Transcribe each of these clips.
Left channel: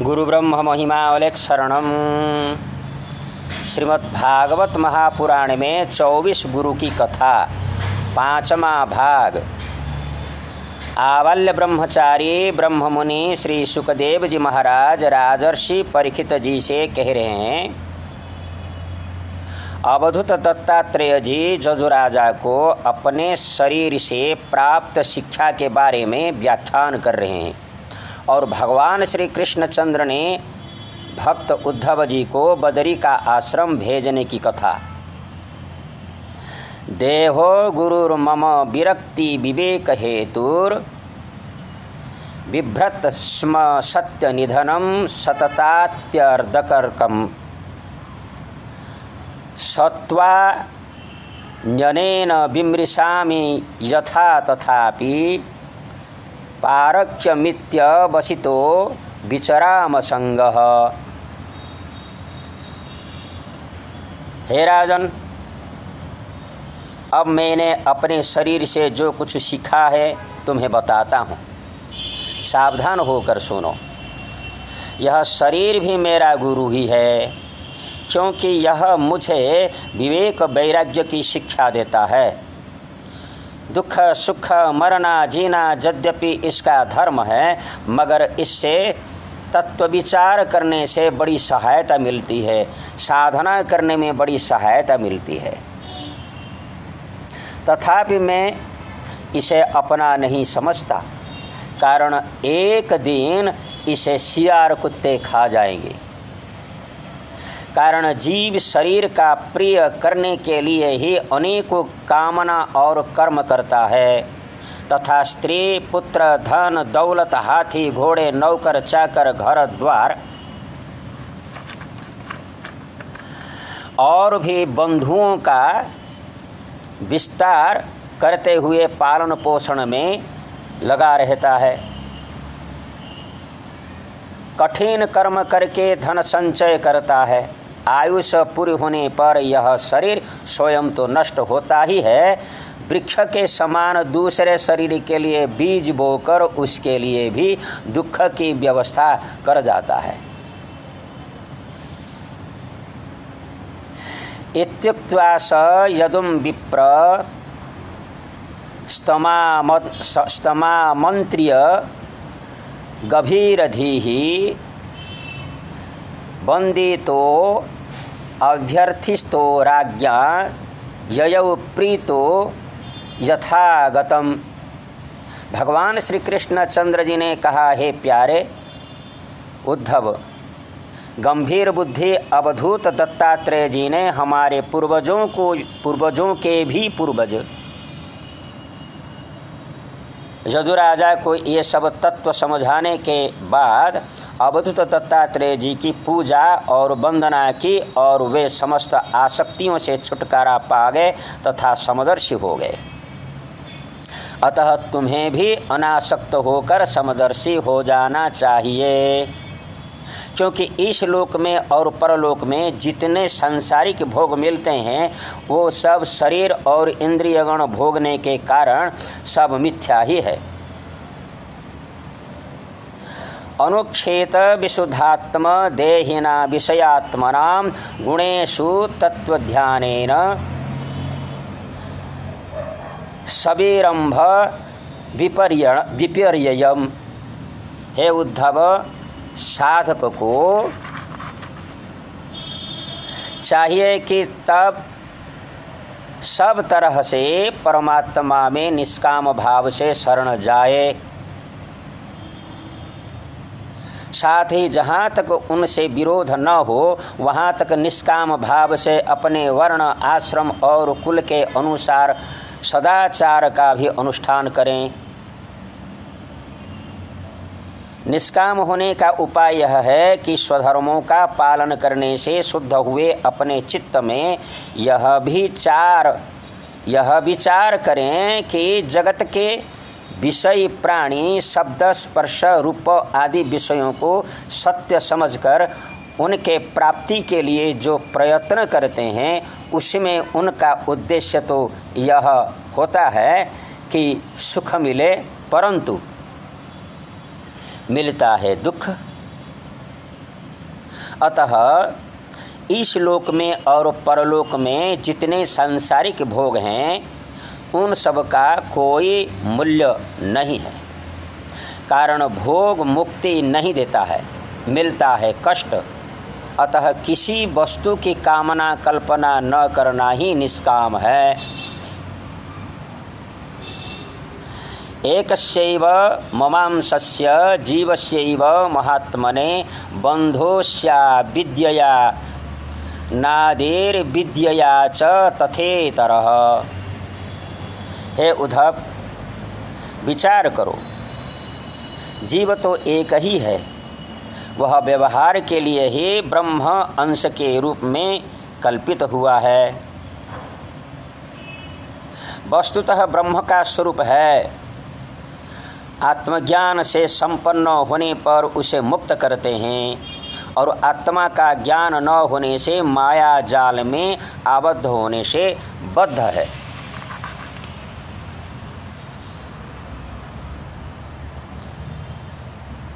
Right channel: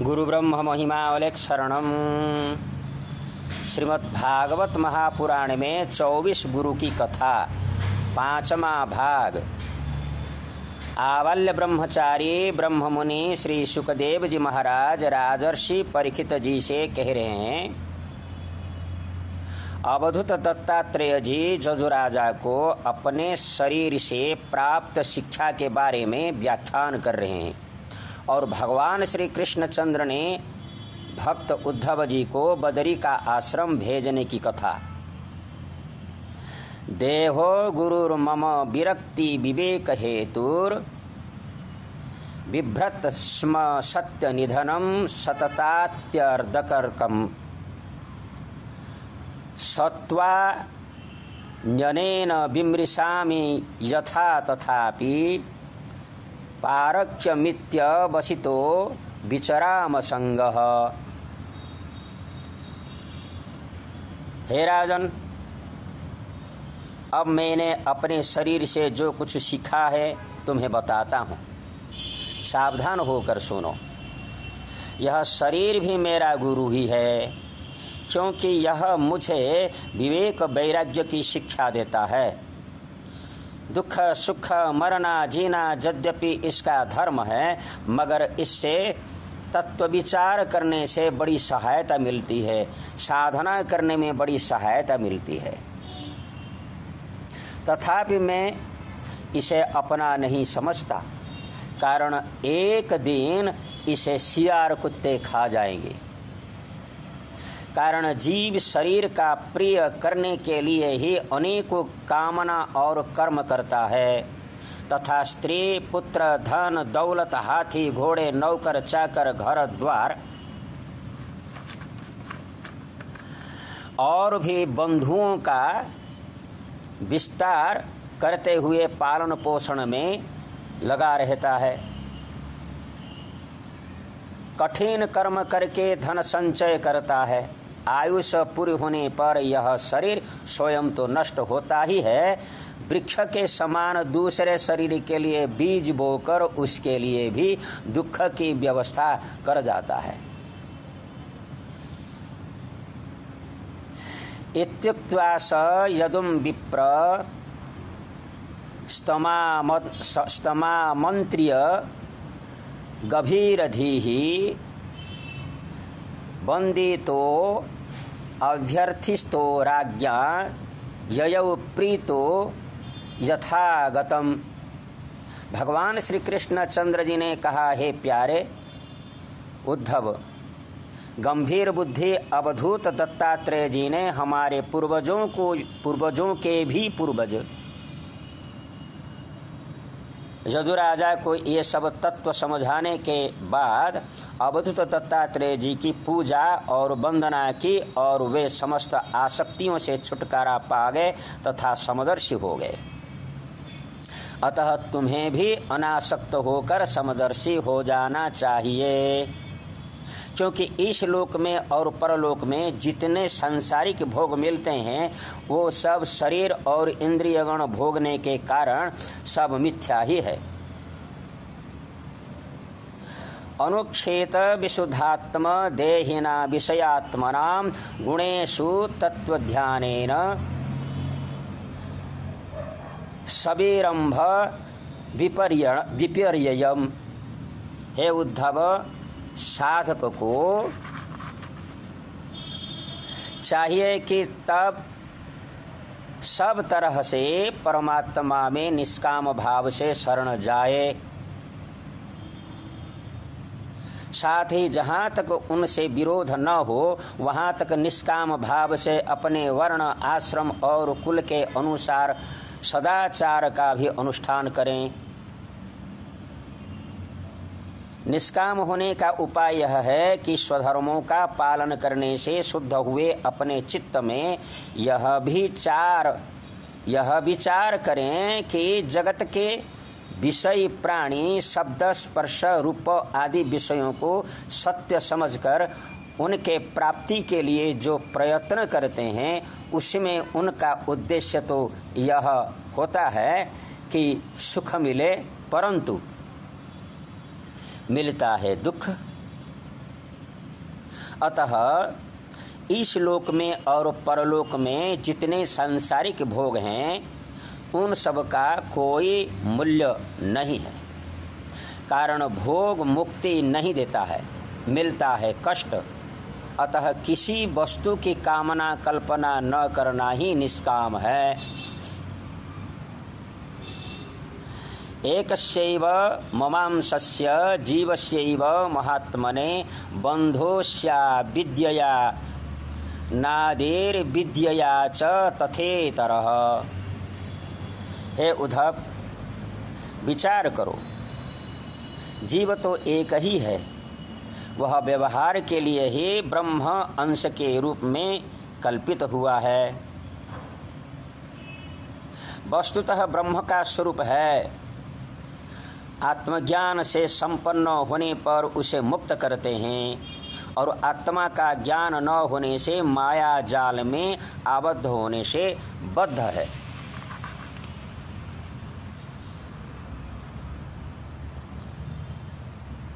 गुरु ब्रह्म महिमावलेख शरणम। श्रीमद्भागवत महापुराण में 24 गुरु की कथा, 5वां भाग। आवाल्य ब्रह्मचारी ब्रह्ममुनि श्री सुखदेव जी महाराज राजर्षि परीक्षित जी से कह रहे हैं, अवधूत दत्तात्रेय जी जजुराजा को अपने शरीर से प्राप्त शिक्षा के बारे में व्याख्यान कर रहे हैं और भगवान श्री कृष्णचंद्र ने भक्त उद्धव जी को बदरी का आश्रम भेजने की कथा। देहो गुरुर्मम विरक्ति विवेक हेतुर बिभ्रत स्म सत्य निधनम सततात्यर्धकर्कम सत्वा न्यनेन विमृशामि यथा तथापि पारक्ष्यमित्य वसितो विचराम संगः। हे राजन, अब मैंने अपने शरीर से जो कुछ सीखा है तुम्हें बताता हूँ, सावधान होकर सुनो। यह शरीर भी मेरा गुरु ही है, क्योंकि यह मुझे विवेक वैराग्य की शिक्षा देता है। दुख सुख मरना जीना यद्यपि इसका धर्म है, मगर इससे तत्व विचार करने से बड़ी सहायता मिलती है, साधना करने में बड़ी सहायता मिलती है। तथापि मैं इसे अपना नहीं समझता, कारण एक दिन इसे सियार कुत्ते खा जाएंगे। कारण जीव शरीर का प्रिय करने के लिए ही अनेकों कामना और कर्म करता है, तथा स्त्री पुत्र धन दौलत हाथी घोड़े नौकर चाकर घर द्वार और भी बंधुओं का विस्तार करते हुए पालन पोषण में लगा रहता है। कठिन कर्म करके धन संचय करता है। आयुष पूरी होने पर यह शरीर स्वयं तो नष्ट होता ही है, वृक्ष के समान दूसरे शरीर के लिए बीज बोकर उसके लिए भी दुख की व्यवस्था कर जाता है। इत्युक्त्वा स यदुम विप्र स्तमामन्त्र्य गभीरधीहि वंदितो अभ्यर्थिस्तो राज्ञा ययौ प्रीतो यथागतम। भगवान श्री कृष्णचंद्र जी ने कहा, हे प्यारे उद्धव, गंभीर बुद्धि अवधूत दत्तात्रेय जी ने हमारे पूर्वजों के भी पूर्वज यदुराजा को ये सब तत्व समझाने के बाद अवधूत दत्तात्रेय जी की पूजा और वंदना की और वे समस्त आसक्तियों से छुटकारा पा गए तथा समदर्शी हो गए। अतः तुम्हें भी अनासक्त होकर समदर्शी हो जाना चाहिए, क्योंकि इस लोक में और परलोक में जितने सांसारिक भोग मिलते हैं वो सब शरीर और इंद्रियगण भोगने के कारण सब मिथ्या ही है। अनुक्षेत विशुद्धात्म देहिना विषयात्मनां गुणेषु तत्वध्यानेन सबीरंभ विपर्ययम्। हे उद्धव, साधक को चाहिए कि तब सब तरह से परमात्मा में निष्काम भाव से शरण जाए, साथ ही जहाँ तक उनसे विरोध न हो वहाँ तक निष्काम भाव से अपने वर्ण आश्रम और कुल के अनुसार सदाचार का भी अनुष्ठान करें। निष्काम होने का उपाय यह है कि स्वधर्मों का पालन करने से शुद्ध हुए अपने चित्त में यह विचार करें कि जगत के विषय प्राणी शब्द स्पर्श रूप आदि विषयों को सत्य समझकर उनके प्राप्ति के लिए जो प्रयत्न करते हैं उसमें उनका उद्देश्य तो यह होता है कि सुख मिले, परंतु मिलता है दुख, अतः इस लोक में और परलोक में जितने सांसारिक भोग हैं उन सब का कोई मूल्य नहीं है। कारण भोग मुक्ति नहीं देता है, मिलता है कष्ट। अतः किसी वस्तु की कामना कल्पना न करना ही निष्काम है। एकस्यैव ममांसस्य जीवस्यैव महात्मने बन्धोस्या विद्यया नादेर्विद्यया च तथेतरः। हे उद्धव, विचार करो, जीव तो एक ही है। वह व्यवहार के लिए ही ब्रह्म अंश के रूप में कल्पित हुआ है। वस्तुतः ब्रह्म का स्वरूप है। आत्मज्ञान से संपन्न होने पर उसे मुक्त करते हैं और आत्मा का ज्ञान न होने से माया जाल में आबद्ध होने से बद्ध है।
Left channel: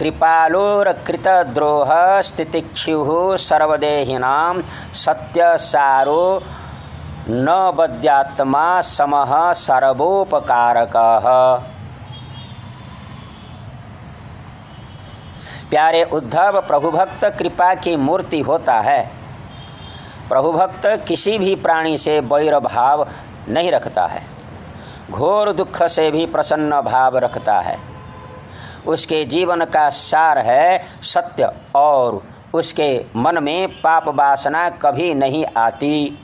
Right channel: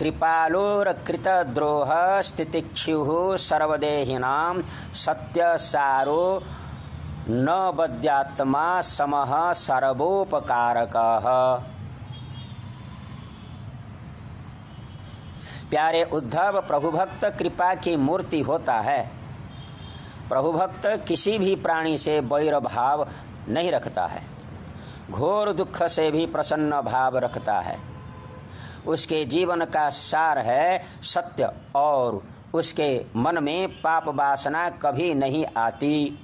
कृपालोरकृतद्रोह स्थितिक्षुः सर्वदेहिनां सत्यसारो न बद्यात्मा समः सर्वोपकारकः। प्यारे उद्धव, प्रभुभक्त कृपा की मूर्ति होता है। प्रभुभक्त किसी भी प्राणी से वैर भाव नहीं रखता है, घोर दुख से भी प्रसन्न भाव रखता है। उसके जीवन का सार है सत्य और उसके मन में पाप वासना कभी नहीं आती।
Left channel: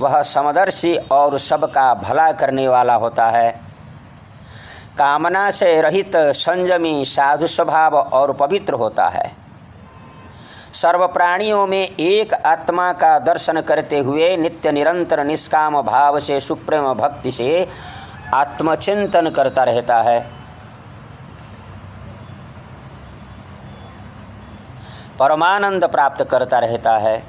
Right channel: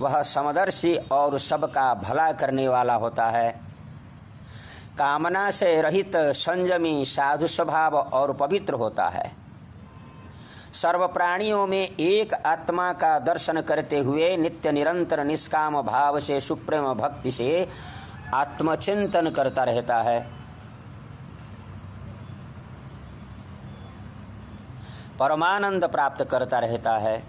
वह समदर्शी और सबका भला करने वाला होता है। कामना से रहित संयमी साधु स्वभाव और पवित्र होता है। सर्व प्राणियों में एक आत्मा का दर्शन करते हुए नित्य निरंतर निष्काम भाव से सुप्रेम भक्ति से आत्मचिंतन करता रहता है। परमानंद प्राप्त करता रहता है।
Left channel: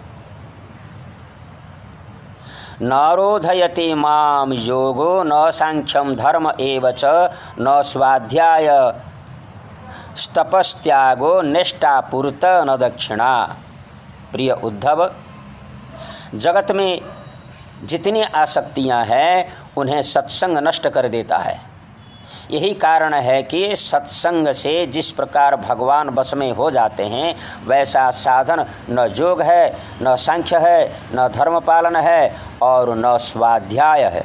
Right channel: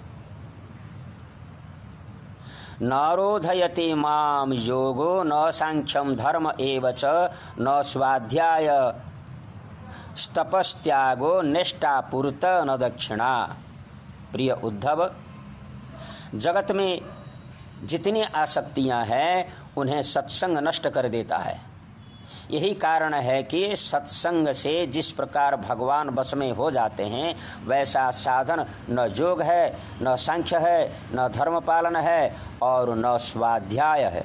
न रोधयति माम योगो न सांख्यम धर्म एव च न स्वाध्याय तपस्त्यागो निष्ठापूर्त न दक्षिणा। प्रिय उद्धव, जगत में जितनी आसक्तियां हैं उन्हें सत्संग नष्ट कर देता है। यही कारण है कि सत्संग से जिस प्रकार भगवान वश में हो जाते हैं वैसा साधन न योग है, न सांख्य है, न धर्म पालन है और न स्वाध्याय है।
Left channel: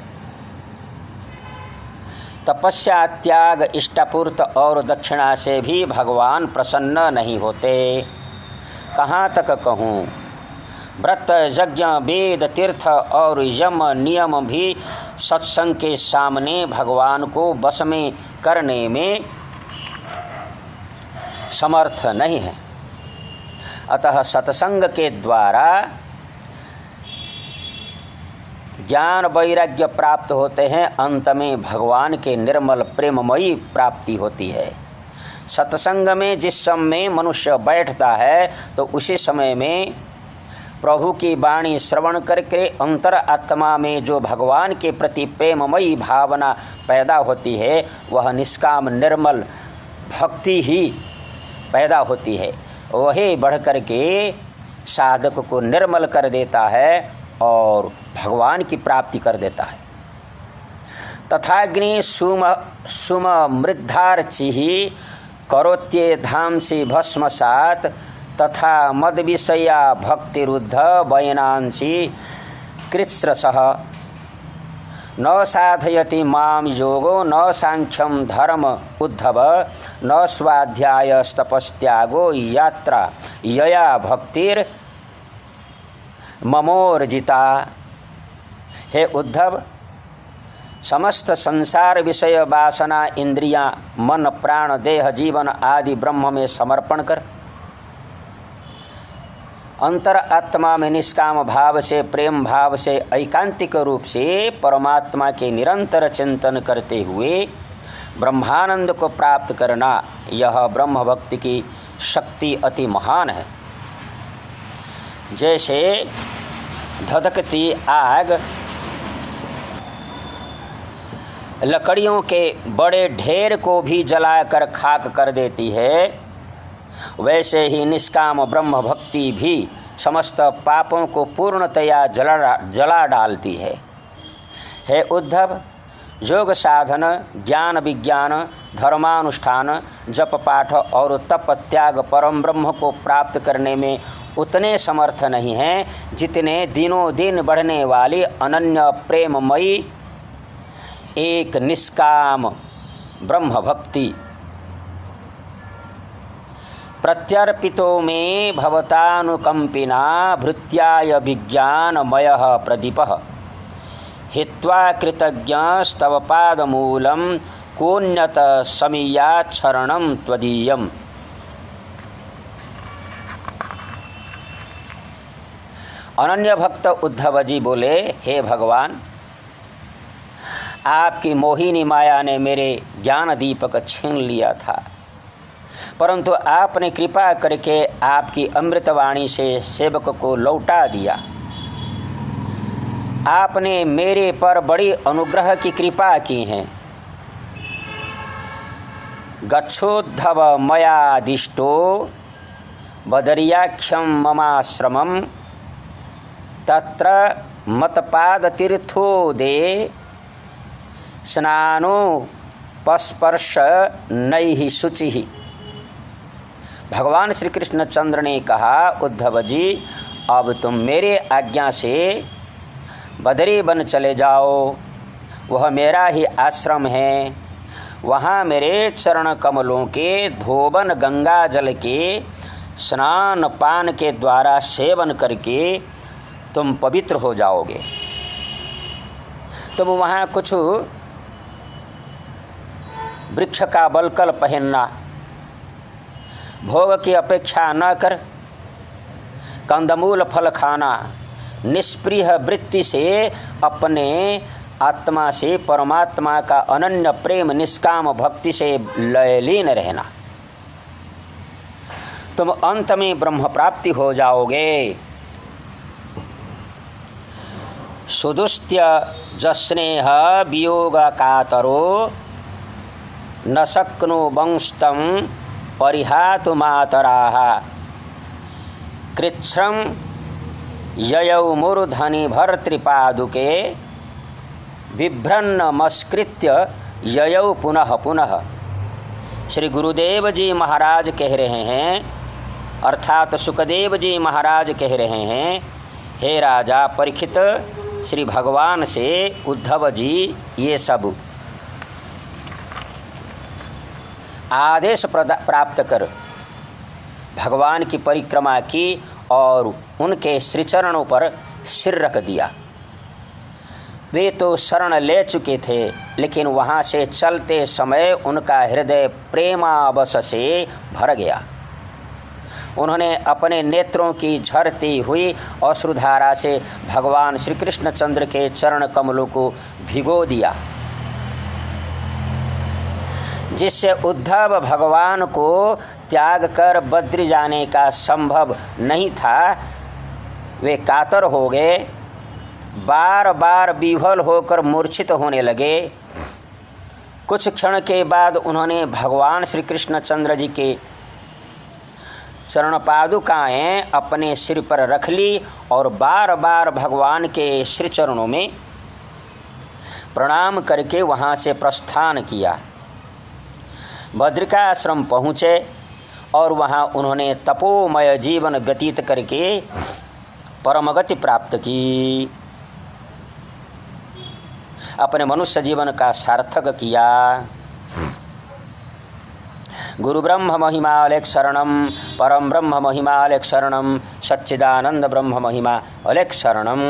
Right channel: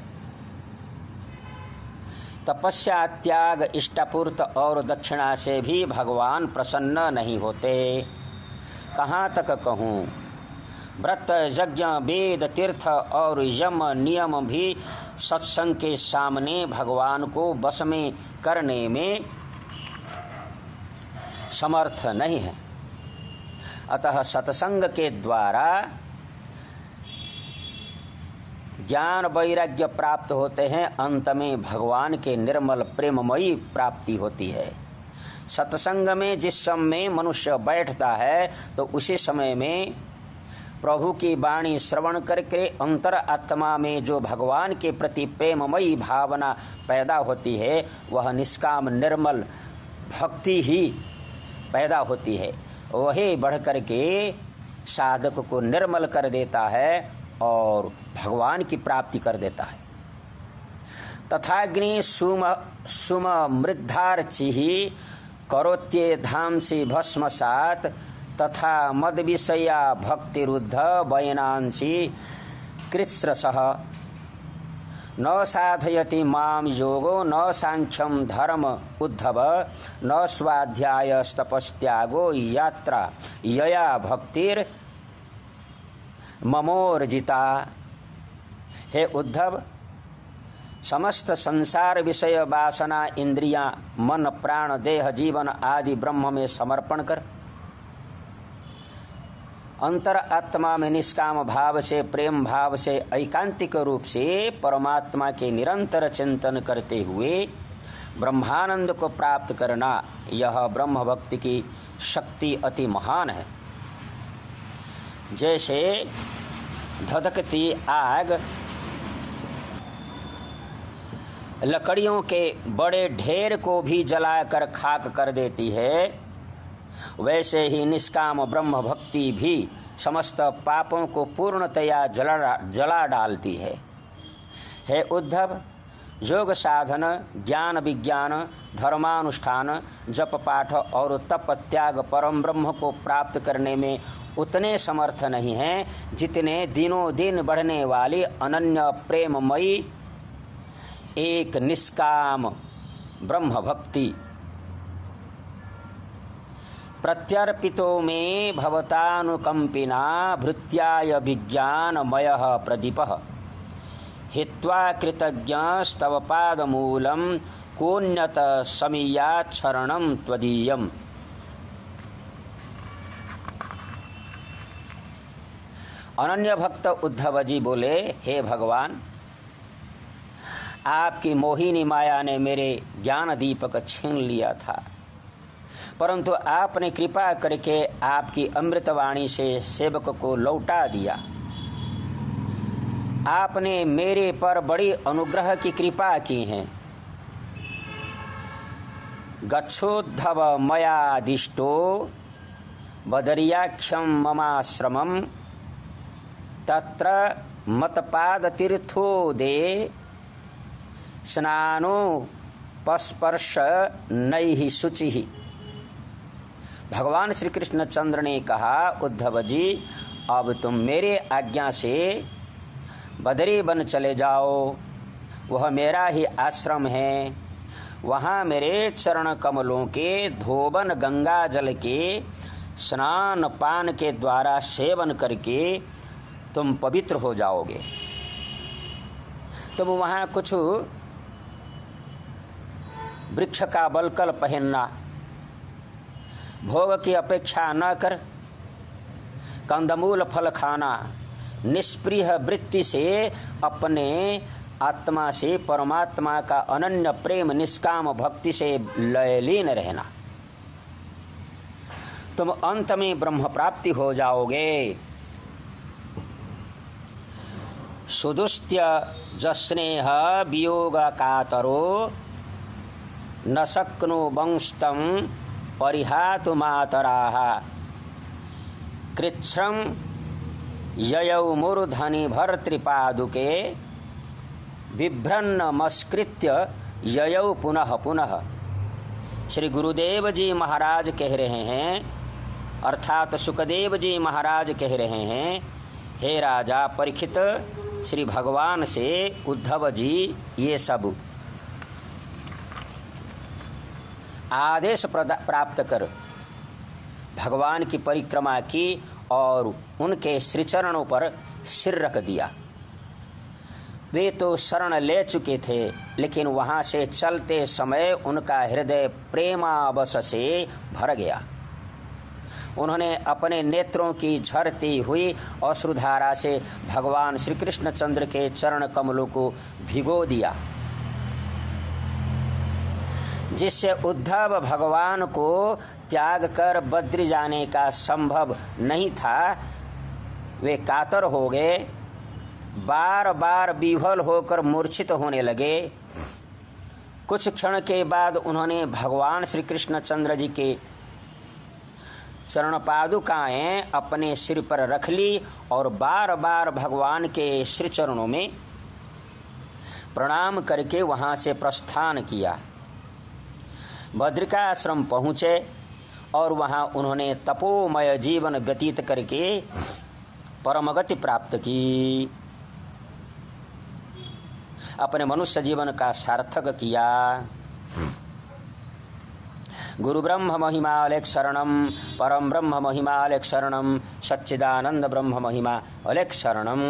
तपस्या, त्याग, इष्टापूर्त और दक्षिणा से भी भगवान प्रसन्न नहीं होते। कहाँ तक कहूँ, व्रत, यज्ञ, वेद, तीर्थ और यम नियम भी सत्संग के सामने भगवान को वश में करने में समर्थ नहीं है। अतः सत्संग के द्वारा ज्ञान वैराग्य प्राप्त होते हैं, अंत में भगवान के निर्मल प्रेममयी प्राप्ति होती है। सत्संग में जिस समय मनुष्य बैठता है तो उसी समय में प्रभु की वाणी श्रवण करके अंतर आत्मा में जो भगवान के प्रति प्रेममयी भावना पैदा होती है वह निष्काम निर्मल भक्ति ही पैदा होती है। वही बढ़ कर के साधक को निर्मल कर देता है और भगवान की प्राप्ति कर देता है। तथाग्नि सुम मृद्धार्चिः करोत्ये धांसि भस्मसात् तथा मद विषया भक्तिरुद्ध वयनांसि कृत्स्रसः। न साधयति माम योगो न सांख्यम धर्म उद्धव न स्वाध्याय तपस्त्यागो यात्रा यया भक्तिर ममोर्जिता। हे उद्धव, समस्त संसार विषय वासना इंद्रियां, मन, प्राण, देह, जीवन आदि ब्रह्म में समर्पण कर अंतर आत्मा में निष्काम भाव से, प्रेम भाव से, ऐकांतिक रूप से परमात्मा के निरंतर चिंतन करते हुए ब्रह्मानंद को प्राप्त करना, यह ब्रह्म भक्ति की शक्ति अति महान है। जैसे धधकती आग लकड़ियों के बड़े ढेर को भी जलाकर खाक कर देती है, वैसे ही निष्काम ब्रह्म भक्ति भी समस्त पापों को पूर्णतया जला डालती है। हे उद्धव, योग साधन, ज्ञान विज्ञान, धर्मानुष्ठान, जप पाठ और तप त्याग परम ब्रह्म को प्राप्त करने में उतने समर्थ नहीं हैं जितने दिनों दिन बढ़ने वाली अनन्य प्रेममयी एक निष्काम ब्रह्म भक्ति। प्रत्यर्पितो में भवतानुकंपिना भृत्याय विज्ञानमयः प्रदीपः हित्वा कृतज्ञस्तव पादमूलं कोन्यत समीयात् शरणं त्वदीयम्। अनन्य भक्त उद्धव जी बोले, हे भगवान, आपकी मोहिनी माया ने मेरे ज्ञान दीपक छीन लिया था, परंतु आपने कृपा करके आपकी अमृतवाणी से सेवक को लौटा दिया। आपने मेरे पर बड़ी अनुग्रह की कृपा की है। गच्छोद्धव मयादिष्टो बदरियाख्यम ममाश्रमं तत्र मतपादतीर्थो दे स्नानोपस्पर्श नैहि शुचिः। भगवान श्री कृष्णचंद्र ने कहा, उद्धव जी, अब तुम मेरे आज्ञा से बदरी वन चले जाओ। वह मेरा ही आश्रम है। वहाँ मेरे चरण कमलों के धोबन गंगा जल के स्नान पान के द्वारा सेवन करके तुम पवित्र हो जाओगे। तुम वहाँ कुछ वृक्ष का बलकल पहनना, भोग की अपेक्षा न कर कंदमूल फल खाना, निष्प्रिय वृत्ति से अपने आत्मा से परमात्मा का अनन्य प्रेम निष्काम भक्ति से लयलीन रहना। तुम अंत में ब्रह्म प्राप्ति हो जाओगे। सुदुस्त्य जस्नेह वियोग कातरो न शक्नो वंशतम परिहातु मातराः कृच्छ्रम ययौ मूर्धनि भर्तृपादुके बिभ्रन्नमस्कृत्य ययौ पुनः पुनः। श्री गुरुदेव जी महाराज कह रहे हैं, अर्थात सुखदेव जी महाराज कह रहे हैं, हे राजा परीक्षित, श्री भगवान से उद्धव जी ये सब आदेश प्राप्त कर भगवान की परिक्रमा की और उनके श्रीचरणों पर सिर रख दिया। वे तो शरण ले चुके थे, लेकिन वहाँ से चलते समय उनका हृदय प्रेमावश से भर गया। उन्होंने अपने नेत्रों की झरती हुई अश्रुधारा से भगवान श्री कृष्णचंद्र के चरण कमलों को भिगो दिया, जिससे उद्धव भगवान को त्याग कर बद्री जाने का संभव नहीं था। वे कातर हो गए, बार बार विह्वल होकर मूर्छित होने लगे। कुछ क्षण के बाद उन्होंने भगवान श्री कृष्णचंद्र जी के चरण पादुकाएँ अपने सिर पर रख ली और बार बार भगवान के श्री चरणों में प्रणाम करके वहाँ से प्रस्थान किया। बद्रिकाश्रम पहुँचे और वहाँ उन्होंने तपोमय जीवन व्यतीत करके परमगति प्राप्त की, अपने मनुष्य जीवन का सार्थक किया। गुरु ब्रह्म महिमा अलेख शरणम, परम ब्रह्म महिमा अलेख शरणम, सच्चिदानंद ब्रह्म महिमा अलेख शरणम।